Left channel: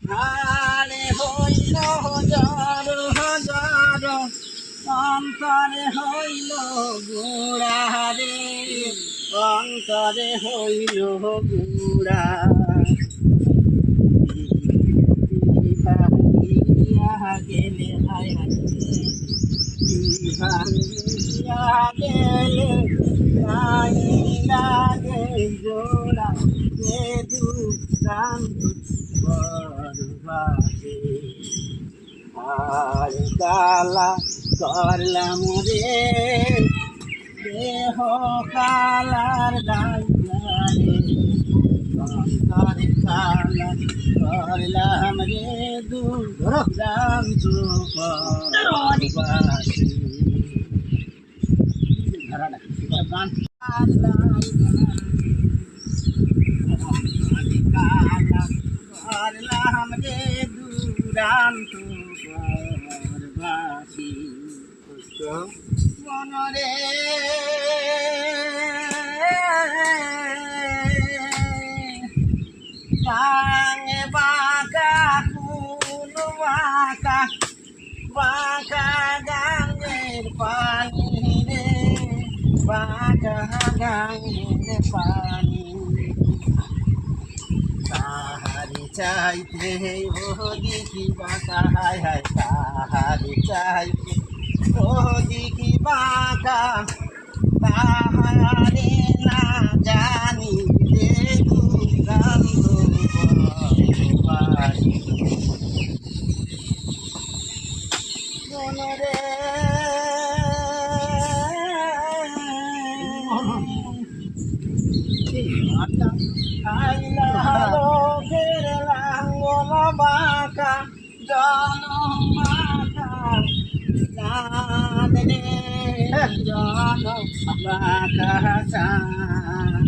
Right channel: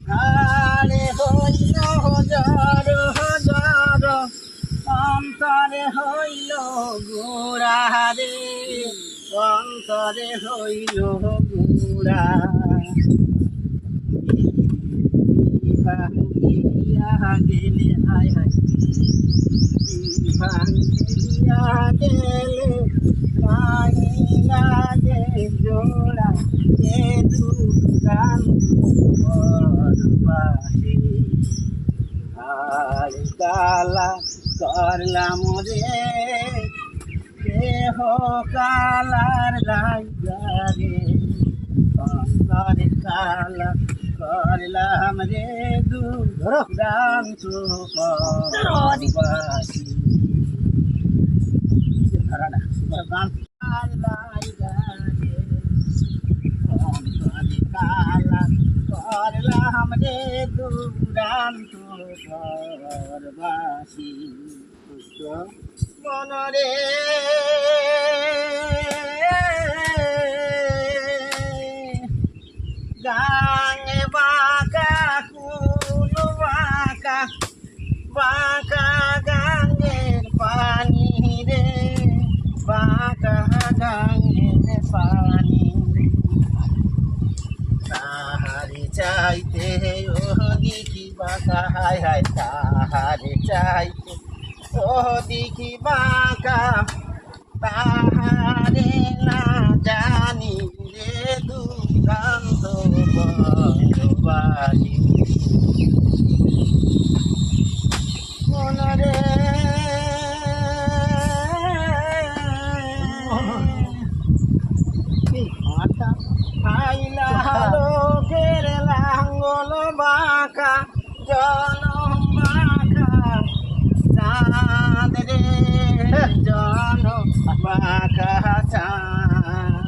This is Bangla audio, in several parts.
আরে হইল জর জর অন্তরে হইল গুড়া রে অন্তরে হইল গুড়া ভাঙিয়া গেলে হায় হায় ভাঙিয়া গেলে নাই লাগে জোড়া এ দুকান্ত বরবাসে আর কালা করলাম রে দেহ কালার রাজারে অন্তরে কালা করলাম রে দুরান্ত বরবাসে গান কালা করলাম রে দুরান্ত পরবাসী মনরে গাঙে বাঁকা কুল বাঁকা বাঁকা গাঙের পানি রে বাঁকা গাঙের পানি তাহারি চাইতে ও দেখি বাঁকা হায় হায় তাহারি চাইতে ও দেখি বাঁকা তাহারে না জানি রে দুর্গন্ধ বরবাসী মনরে মাতা আইলা লোকের লাঙ্গল বাঁকা জনম বাঁকা চাঁদ রে জনম বাঁকা চাঁদ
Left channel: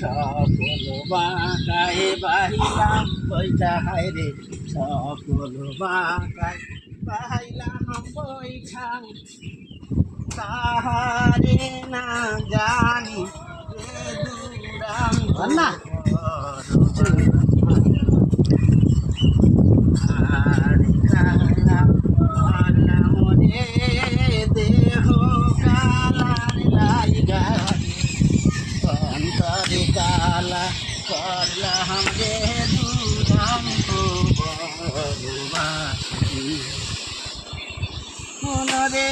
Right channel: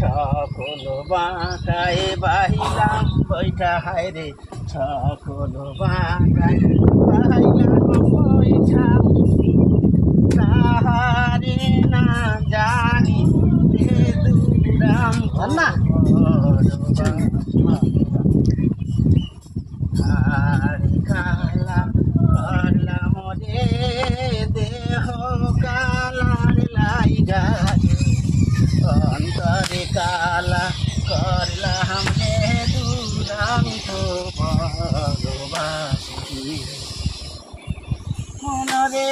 সকল বাঁকায় বাহিলাম বৈঠা হায় রে সকল বাঁকায় বাহিলাম বৈঠা তাহারে না জানি রে দুরান্ত আরে কালা করলাম রে দেহ কালার লাইগা অন্তরে কালা করলাম রে দুরান্ত বরবাসী মনরে